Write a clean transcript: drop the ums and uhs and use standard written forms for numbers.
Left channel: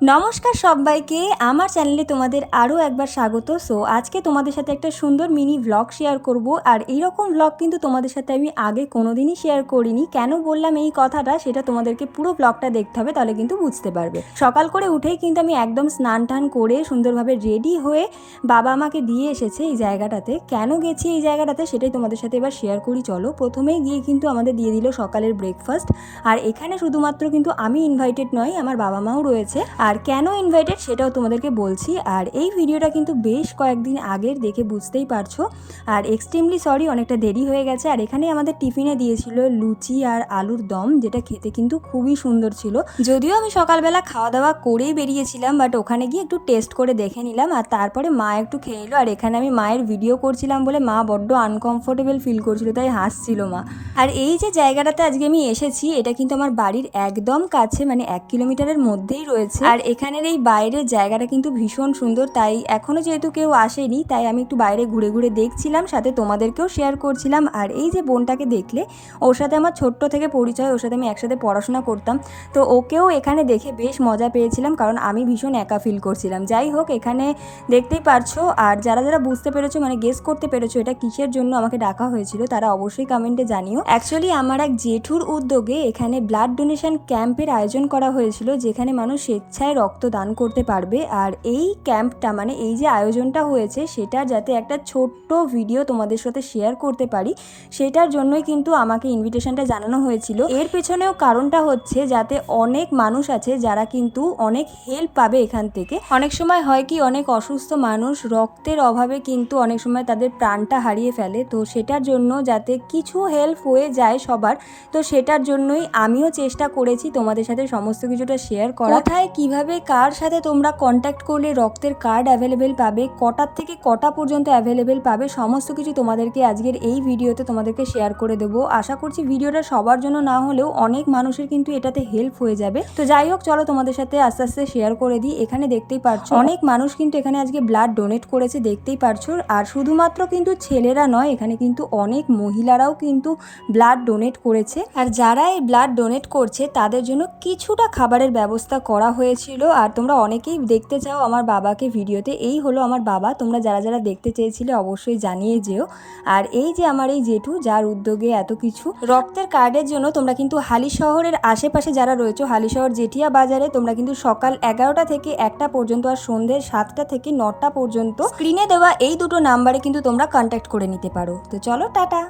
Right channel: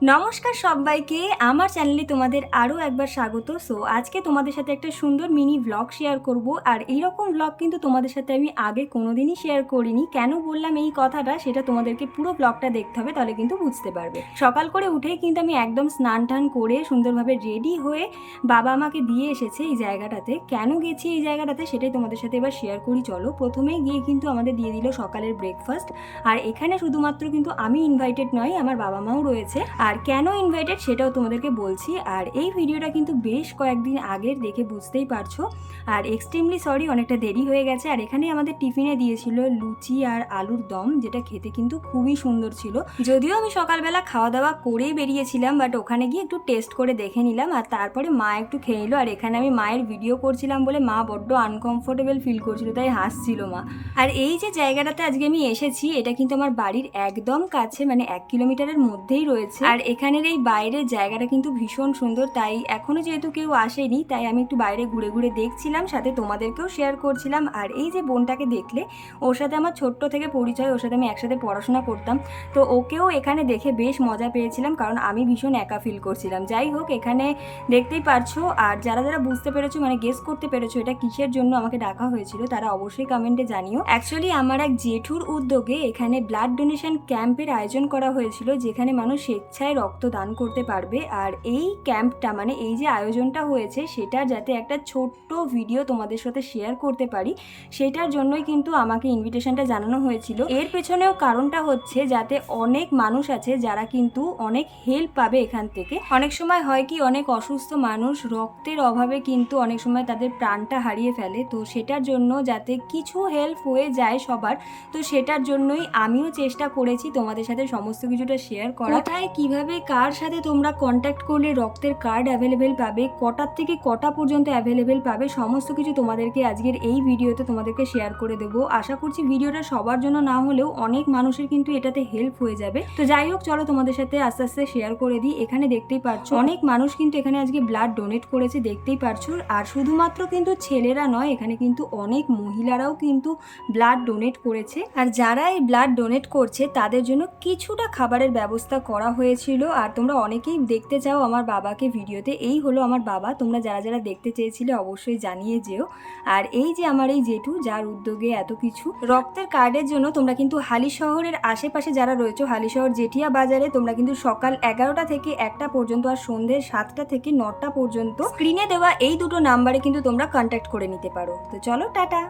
নমস্কার সবাইকে, আমার চ্যানেলে তোমাদের আরও একবার স্বাগত। সো আজকে তোমাদের সাথে একটা সুন্দর মিনি ভ্লগ শেয়ার করব। আর এইরকম ভ্লগ কিন্তু তোমাদের সাথে আমি আগে কোনোদিনই শেয়ার করিনি। কেন বললাম এই কথাটা সেটা তোমাদেরকে পুরো ভ্লগটা দেখতে হবে, তাহলে কিন্তু বুঝতে পারবে। সকাল করে উঠেই কিন্তু আমি একদম স্নান টান করে সুন্দরভাবে রেডি হয়ে বাবা আমাকে দিয়ে এসেছে এই জায়গাটাতে। কেন গেছি এই জায়গাটাতে সেটাই তোমাদের সাথে এবার শেয়ার করি। চলো, প্রথমেই গিয়ে কিন্তু আমাদের দিয়ে দিল সকালের ব্রেকফাস্ট। আর এখানে শুধুমাত্র কিন্তু আমি ইনভাইটেড নয়, আমার বাবা মাও রয়েছে। আর কেন ইনভাইটেড সেটাও তোমাদেরকে বলছি। আর এই ভিডিওটা কিন্তু বেশ কয়েকদিন আগের, দেখে বুঝতেই পারছো। আর এক্সট্রিমলি সরি, অনেকটা দেরি হয়ে গেছে। আর এখানে আমাদের টিফিনে দিয়েছিল লুচি আর আলুর দম, যেটা খেতে কিন্তু খুবই সুন্দর ছিল। যদিও আমি সকালবেলা খাওয়া দাওয়া করেই বেরিয়েছিলাম, বাট ওখানে গিয়ে একটু টেস্ট করে দেখে নিলাম। আর তারপরে মা একটু খেয়ে নিল। আর এখানে আমি মায়ের ভিডিও করছিলাম বলে মা বড্ড আনকমফোর্টেবল ফিল করছিল, তাই হাসছিল মা। আর এই যে জায়গাটাতে আজকে আমি এসেছি, এটা কিন্তু আমার বাড়ির একদম কাছে, মানে 1 কিলোমিটারের মধ্যেই রয়েছে। আর এখানের এই বাইরের জায়গাটা কিন্তু ভীষণ সুন্দর। তাই এখনো যেহেতু কেউ আসেনি, তাই আমি একটু বাইরে ঘুরে ঘুরে দেখছিলাম, সাথে তোমাদেরকেও শেয়ার করছিলাম। আর এই যে বোনটাকে দেখলে, ওর সাথে আমার ছোট্ট থেকে পরিচয়, ওর সাথে আমি একসাথে পড়াশোনা করতাম। তো ওকেও এখানে দেখে বেশ মজা পেয়েছিলাম, কারণ আমি ভীষণ একা ফিল করছিলাম। যাই হোক, এখানে দেখতেই পারছো। আর যারা যারা বুঝতে পেরেছো, মানে গেস করতে পেরেছো এটা কিসের জন্য আমাকে ডাকা হয়েছিল, তারা অবশ্যই কমেন্টে জানিও। অ্যাকচুয়ালি আমার এক জেঠুর উদ্যোগে এখানে ব্লাড ডোনেশন ক্যাম্পের আয়োজন করা হয়েছিল, যেখানে মানুষ স্বেচ্ছায় রক্ত দান করতে পারবে। আর এই ক্যাম্পটা, মানে এই যে আয়োজনটা হয়েছে, সেটার যাতে একটা ছোট্ট ভিডিও তোমাদের সাথে শেয়ার করতে পারি, সেটার জন্যই কিন্তু আমাকে ইনভিটেশনটা জানানো হয়েছিল। এর পেছনেও কারণটা হচ্ছে যাতে অনেক মানুষ আছে যারা কিন্তু অনেক হেল্প পাবে এখান থেকে। অনেক সময় হয় কি, অনেক অসুস্থ মানুষ রক্তের অভাবে কিন্তু অনেক সময় তাদের প্রাণটা হারিয়ে ফেলে। তো সেটার জন্য যাতে কিছু হেল্প হয়ে যায় সবার, তো সেটার জন্যই আমিও চেষ্টা করেছি তোমাদের সাথে সমস্ত কিছুটা শেয়ার করা। কোথায় কিভাবে কার সাথে তোমরা কন্ট্যাক্ট করলে রক্তের কার্ড অ্যাভেলেবেল পাবে, কটার থেকে কটা পর্যন্ত অ্যাভেলেবেল পাবে, সমস্ত কিছু তোমাদেরকে আজকের এই ভিডিওতে তোমাদেরকে শেয়ার করে দেবো। আশা করছি ভিডিওটা সবার জন্য না হলেও অনেক মানুষের কিন্তু এটাতে হেল্প হয়ে যাবে। তো যাই হোক, চলো তোমাদের সাথে আস্তে আস্তে শেয়ার করে দিই। এখানে দেখতেই পারছো অনেক মানুষ কিন্তু এখানে আজকে ব্লাড ডোনেট করেছে, দেখতেই পারছো। আর শুধুমাত্র কিন্তু ছেলেরা নয়, এখানে কিন্তু অনেক মহিলারাও কিন্তু ব্লাড ডোনেট করেছে। আর যারা এই ব্লাড ডোনেট করছে তাদের জন্য কিছুটা খাবারের ব্যবস্থা করা হয়েছিল। আর তোমরা অনেকেই দেখতে চাও আমার বাবাকে ভিডিওতে। এই হলো আমার বাবা, তোমরা যারা যারা দেখতে চেয়েছিলে অবশ্যই জানিয়ে যেও। আর এই যে আমার এই জেঠু, যার উদ্যোগে এত কিছু রক্তের কার্ডের জন্য, তোমরা কিন্তু হালি শহরের আশেপাশে যারা রয়েছে, হালি শহর জেঠিয়া বাজারে, তোমরা কিন্তু সকাল 11টা থেকে 1টা পর্যন্ত আর সন্ধ্যে 7টা থেকে 9টা পর্যন্ত স্ক্রিনে দেওয়া এই দুটো নাম্বারে কিন্তু তোমরা কন্ট্যাক্ট করে নিতে পারো। তো চলো, টাটা।